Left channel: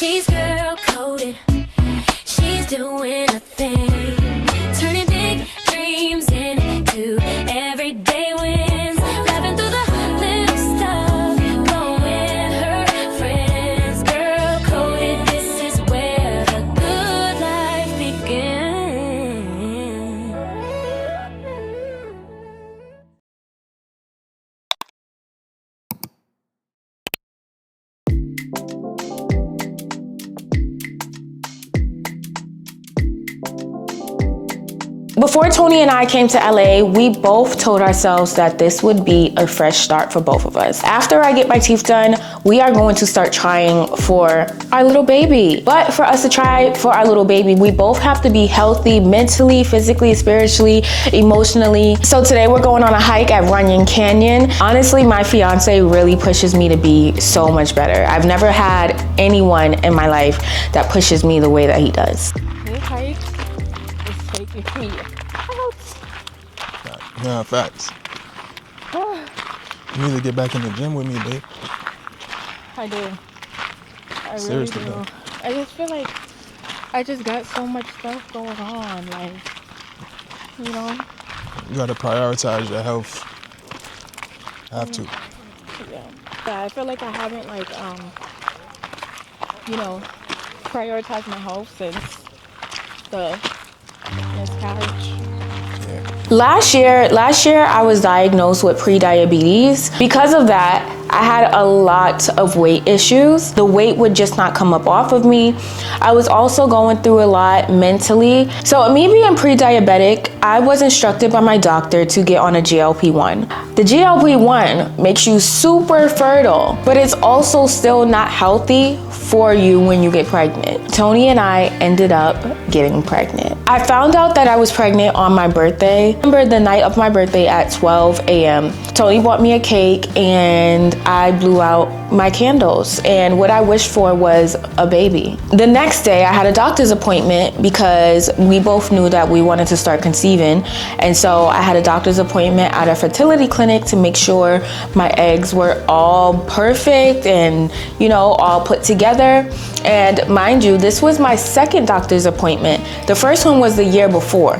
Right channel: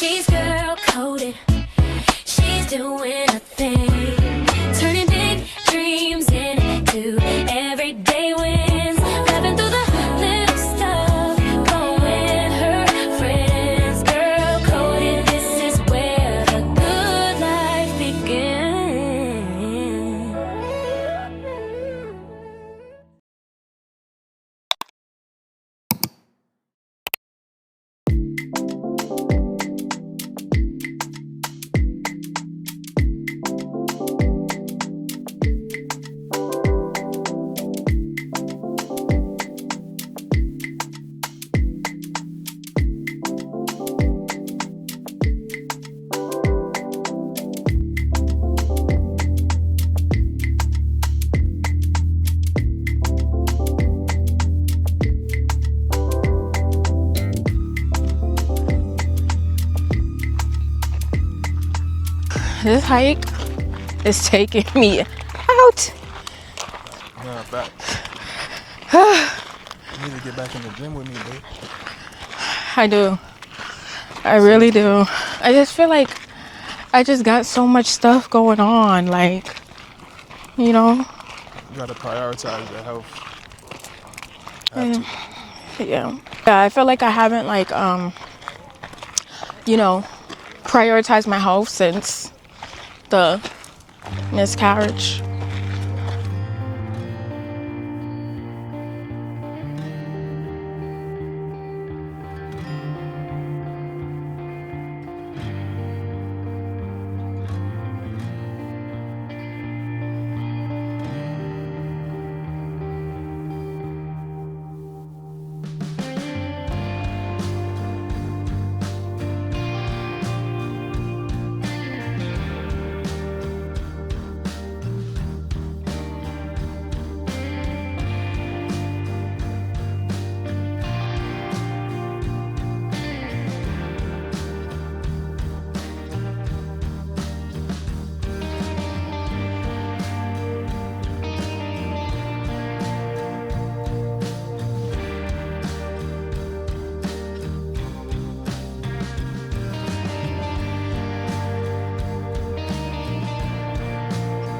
She's girl coded. She's doing a thing, turning big dreams into everyday wins, laughing through the little stuff, blowing her friends. Girl coded, this is where the good life begins. Before Tony and I came to LA, we both told ourselves that this would be a fresh start for both of us. After I get my teeth done, we are going to start trying for our little baby. But for us to try for our little baby, we both have to be healthy mentally, physically, spiritually, emotionally. So today we're going on a hike at Runyon Canyon. Honestly, my fiance really pushes me to be so much better. I've never had anyone in my life that pushes me the way that he does. This hike is taking me out. Yeah, facts. You need to get back in the gym with me, babe. I do. I really do. I just feel like I just got so much stuff going on, like, you know? You gotta prioritize your health. You have to. Yeah. Yeah, I feel like I haven't, like, you know, prioritized my health since the miscarriage. Last year I was diagnosed with pre-diabetes. Because of that, I had a lot of weight issues. The weight would just not come up off of me. I was also going through a lot mentally. So me being pre-diabetic, I was instructed by my doctor to get on a GLP-1. The GLP-1 makes you super fertile, but it's also still not healthy for you when you get pregnant. Tony and I ended up getting pregnant. I found out that I was pregnant on my birthday. I remember the night of my birthday at 12 a.m. Tony bought me a cake and I blew out my candles, and what I wished for was a baby. The next day I had a doctor's appointment because we both knew that we wanted to start conceiving, and so I had a doctor's appointment at a fertility clinic to make sure my eggs were all perfect and, you know, all put together. And mind you, this was my second doctor's appointment. The first one was the year before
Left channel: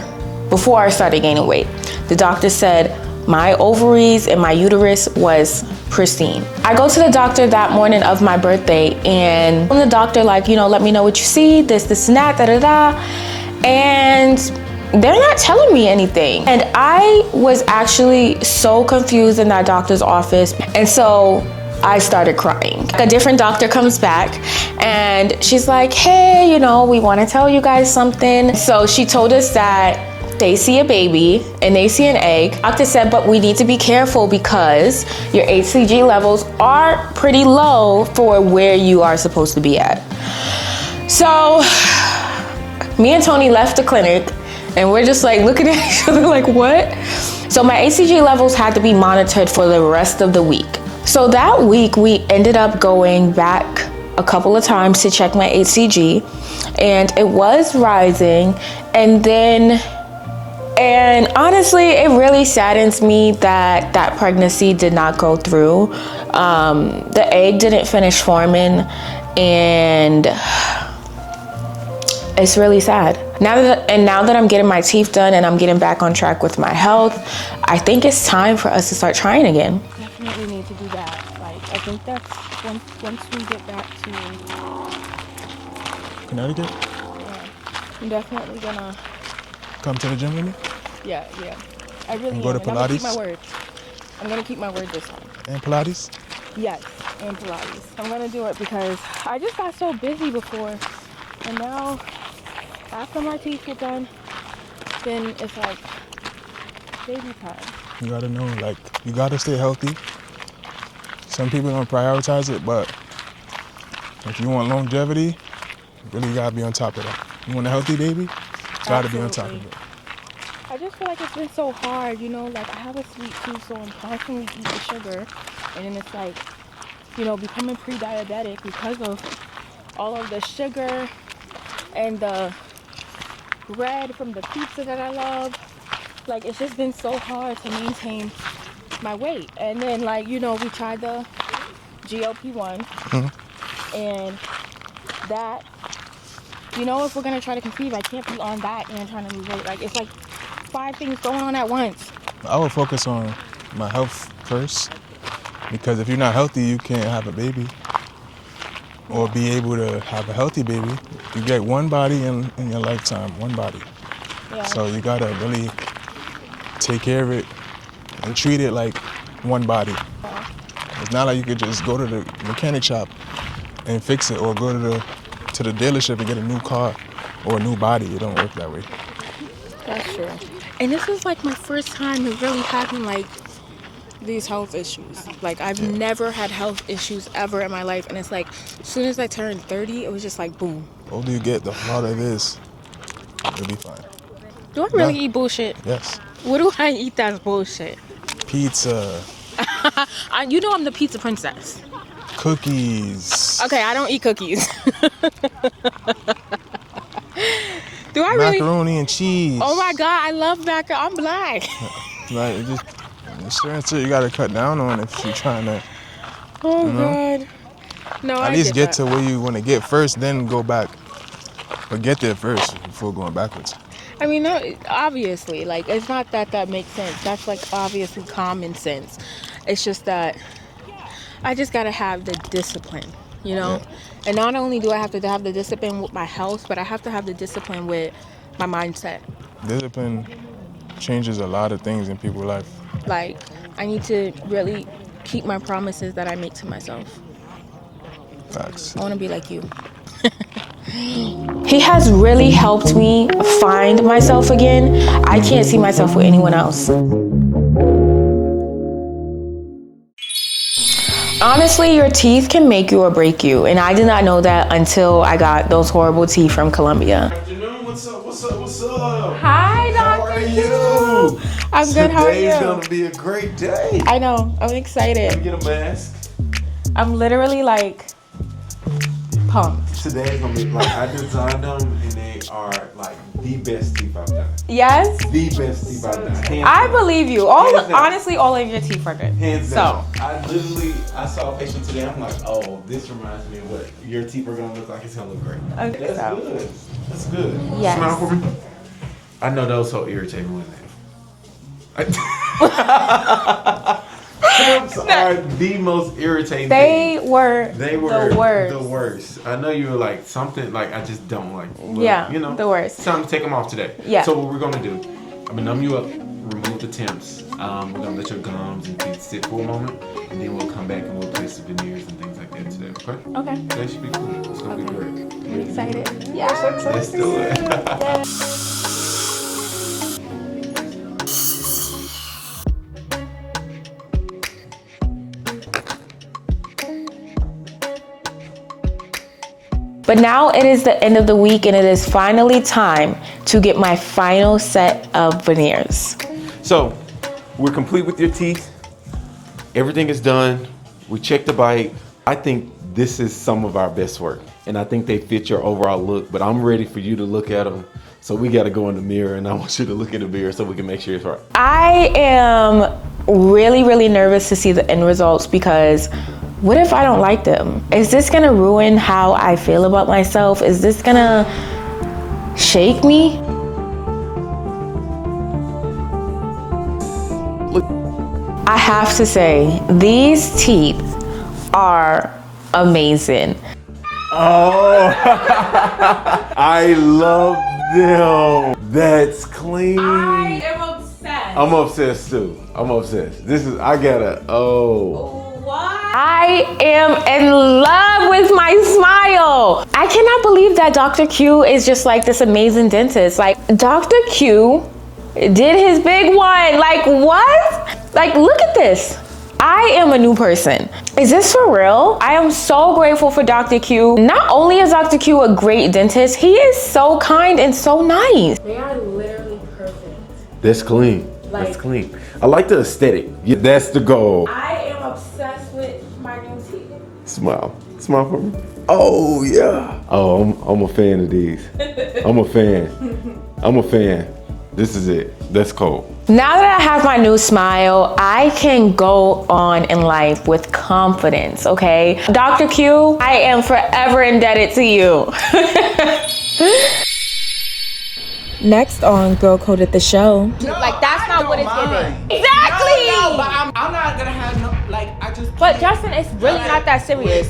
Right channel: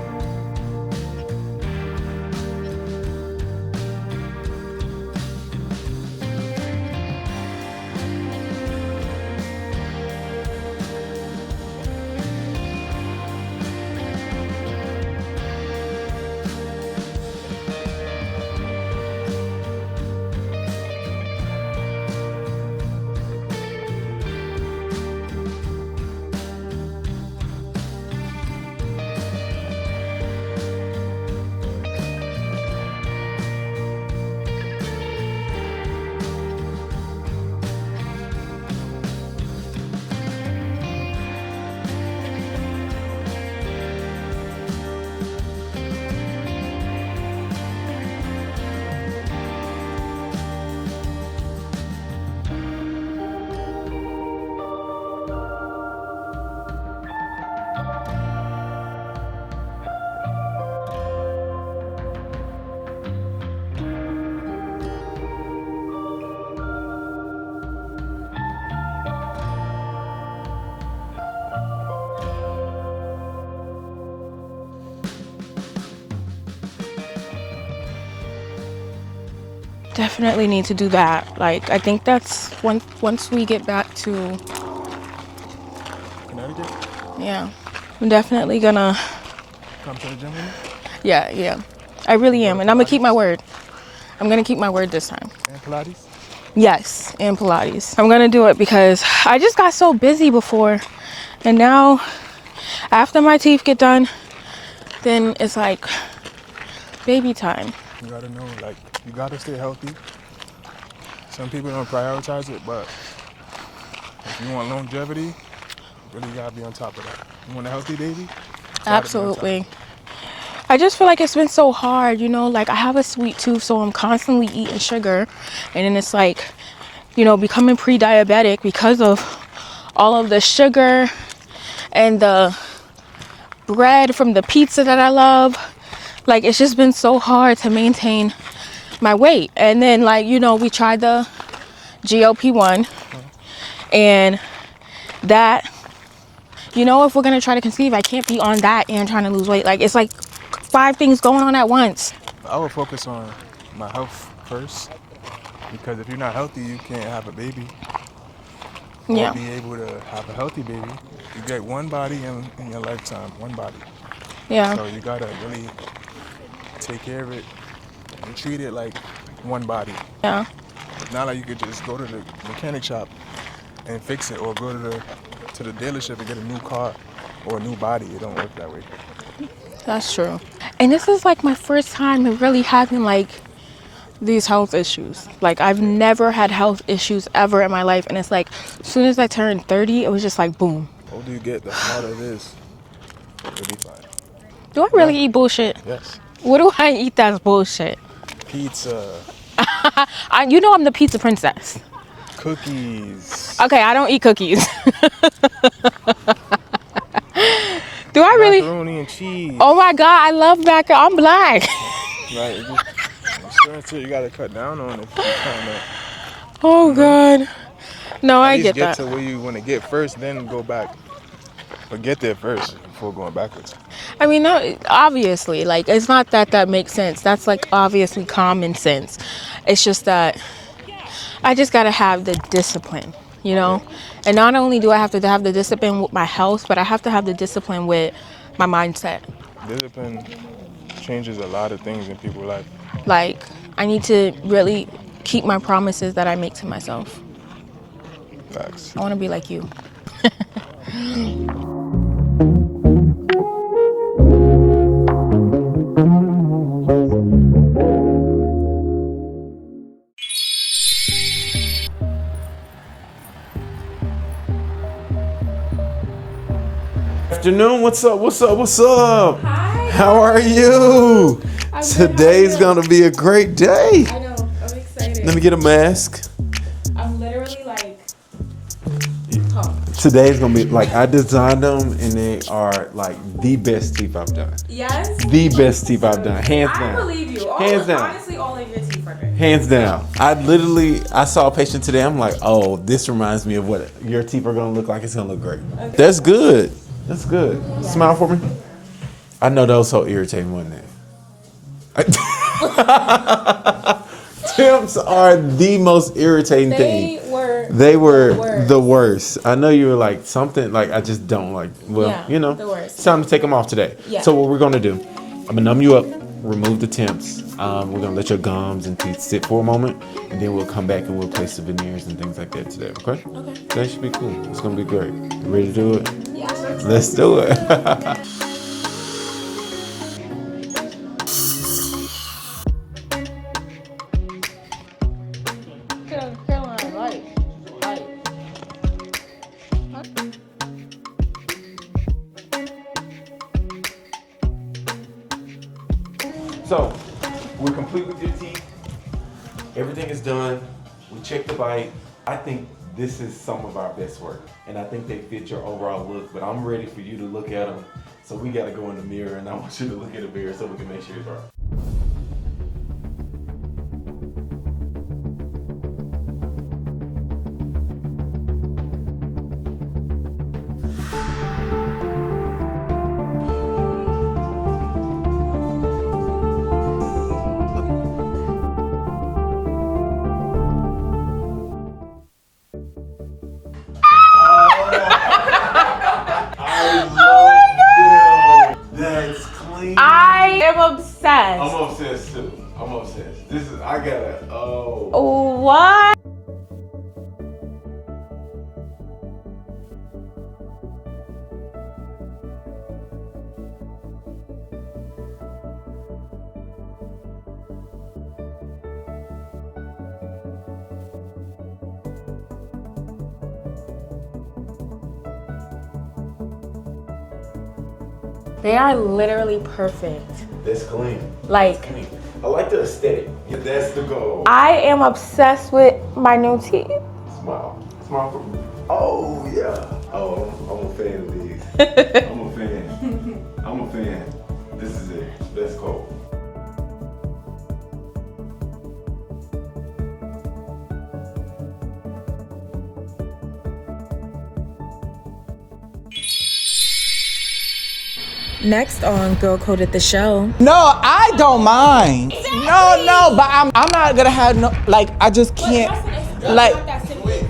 I started gaining weight. The doctor said my ovaries and my uterus was pristine. I go to the doctor that morning of my birthday, and the doctor, like, you know, let me know what you see, this and that, da-da-da. And they're not telling me anything. And I was actually so confused in that doctor's office. And so I started crying. A different doctor comes back and she's like, hey, you know, we want to tell you guys something. So she told us that they see a baby and they see an egg. Doctor said, but we need to be careful because your HCG levels are pretty low for where you are supposed to be at. So me and Tony left the clinic and we're just like looking at each other like, what? So my HCG levels had to be monitored for the rest of the week. So that week we ended up going back a couple of times to check my HCG, and it was rising. And honestly, it really saddens me that that pregnancy did not go through. The egg didn't finish forming, and it's really sad. Now that I'm getting my teeth done and I'm getting back on track with my health, I think it's time for us to start trying again. Definitely need to do that. Like, I think that's once we get back to Connecticut? Yeah, I'm definitely gonna come to the gym with me? Yeah. I really am, and I'm gonna keep my word. I'm gonna keep my word this time. And Pilates? Yes, and Pilates. I'm gonna do it because I just got so busy before, and now after my teeth get done, then it's like baby time. You gotta know, like, you gotta stay healthy. Some people don't prioritize it, but if you want longevity, you really gotta be on top of that. You want a healthy baby? Absolutely. I just feel like it's been so hard, you know, like I have a sweet tooth, so I'm constantly eating sugar, and then it's like, you know, becoming pre-diabetic because of all of the sugar and the bread from the pizza that I love. Like, it's just been so hard to maintain my weight. And then, like, you know, we tried the GLP-1 and that, you know, if we're gonna try to conceive, I can't be on that and trying to lose weight. Like, it's like 5 things going on at once. I would focus on my health first, because if you're not healthy, you can't have a baby or be able to have a healthy baby. You get one body in your lifetime, one body. Yeah. So you gotta really take care of it and treat it like one body. Yeah. It's not like you could just go to the mechanic shop and fix it, or go to the dealership and get a new car or a new body. It don't work that way. That's true. And this is like my first time really having like these health issues. Like, I've never had health issues ever in my life. And it's like, as soon as I turned 30, it was just like, boom. The older you get, the harder it is. You'll be fine. Do I really eat bullshit? Yes. What do I eat that's bullshit? Pizza. You know I'm the pizza princess. Cookies. Okay, I don't eat cookies. Do I really? Macaroni and cheese. Oh my God, I love macaroni. I'm black. Right, you gotta cut down on if you're trying to. Oh God. No, I At least get that. to where you want to get first, then go back. But get there first before going backwards. I mean, no, obviously, like, it's not that makes sense. That's like obviously common sense. It's just that I just gotta have the discipline, you know? And not only do I have to have the discipline with my health, but I have to have the discipline with my mindset. Discipline changes a lot of things in people's life. Like, I need to really keep my promises that I make to myself. Facts. I wanna be like you. He has really helped me find myself again. I can't see myself with anyone else. Honestly, your teeth can make you or break you, and I did not know that until I got those horrible teeth from Colombia. Afternoon, what's up? Hi. How are you? I'm good. How are Today's you? gonna be a great day. I know. I'm excited. Let me get a mask. I'm literally like pumped. Today's gonna be like, I designed them and they are like the best teeth I've done. Yes. The best teeth I've done. Hands down. I believe you. Hands down. Honestly, all of your teeth are good. Hands down. So. I saw a patient today. I'm like, oh, this reminds me of what your teeth are gonna look like. It's gonna look great. Okay. That's good. That's good. Yes. Smile for me. I know that was so irritating, wasn't it? Tips are the most irritating thing. They were the worst. I know you were like something like I just don't like. Well, Yeah, you know, the worst. It's time to take them off today. Yeah. So what we're gonna do? I'm gonna numb you up, remove the temps. We're gonna let your gums and teeth sit for a moment, and then we'll come back and we'll place the veneers and things like that today. Okay? Okay. That should be cool. It's gonna be great. You ready to do it? Yeah. Let's do it. But now it is the end of the week and it is finally time to get my final set of veneers. So, we're complete with your teeth. Everything is done. We checked the bite. I think this is some of our best work. And I think they fit your overall look, but I'm ready for you to look at them. So we gotta go in the mirror and I want you to look in the mirror so we can make sure it's right. I am really, really nervous to see the end results because what if I don't like them? Is this gonna ruin how I feel about myself? Is this gonna shake me? I have to say, these teeth are amazing. Oh, I love them. That's clean. I am obsessed. I'm obsessed too. I'm obsessed. What? I am in love with my smile. I cannot believe that Dr. Q is just like this amazing dentist. Like, Dr. Q did his big one. Like, what? Like, look at this. I am a new person. Is this for real? I am so grateful for Dr. Q. Not only is Dr. Q a great dentist, he is so kind and so nice. They are literally perfect. That's clean. Like, that's clean. I like the aesthetic. Yeah, that's the goal. I am obsessed with my new teeth. Smile. Smile for me. Oh, yeah. Oh, I'm a fan of these. I'm a fan. This is it. That's cold. Now that I have my new smile, I can go on in life with confidence, okay? Dr. Q, I am forever indebted to you. Next on Girl Coded the Show. No, Like, I don't mind. Exactly. No, but I'm not gonna have no, like, I just But can't. Justin, it's really like, not that serious.